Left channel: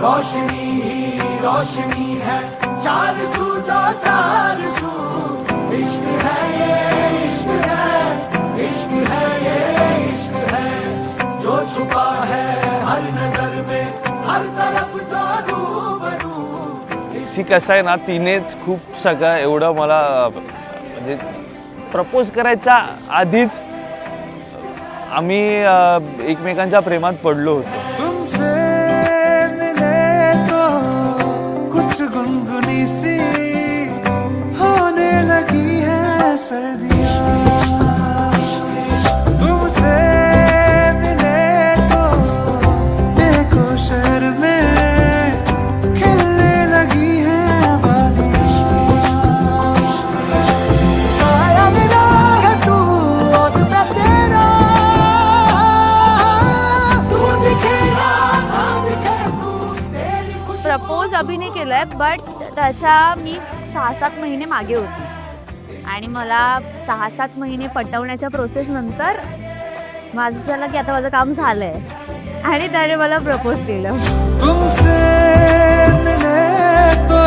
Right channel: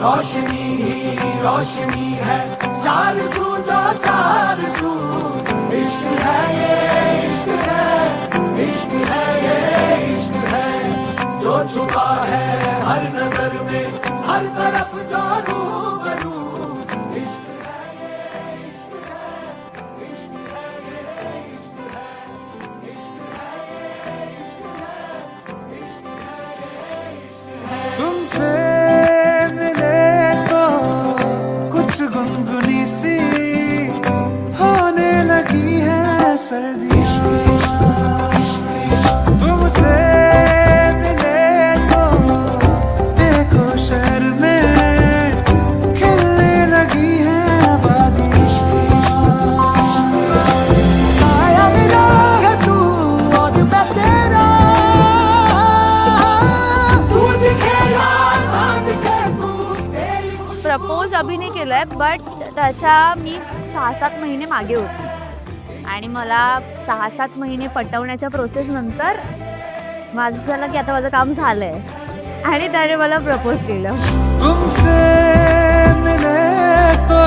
रोशनी ही रोशनी है, चार सू जो चार सू। इश्क है ये इश्क है, इश्क है ये इश्क है, जो छुपा है हर नजर में, हर तरफ जो रूबरू। शी कसं आहे ना, तिनेच खूप सगळं एवढं मला म्हणजे प्रपोज करायच्या आधीच आम्ही एकमेकांच्या प्रेमात पडलो होतो। तुमसे मिले तो कुछ गुनगुनी सी होने लगी है सर्दियाँ, तुमसे मिले तो देखो शहर में खिलने लगी है वादियाँ। साया मिला है तू और मैं तेरा, प्रपोज अभी नाही केलंय, बट त्याच्या मी 6-7 महिने मागे होती आणि मला 6-7 महिने पटवण्याच्या प्रोसेस नंतर माझं झालं की आता माझं काम झालंय आणि त्याने मला प्रपोज केलं। तुमसे मिले तो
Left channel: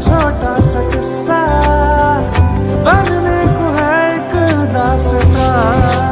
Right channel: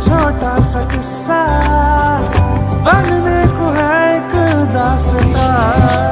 छोटा सा किस्सा बनने को है एक दास्तां।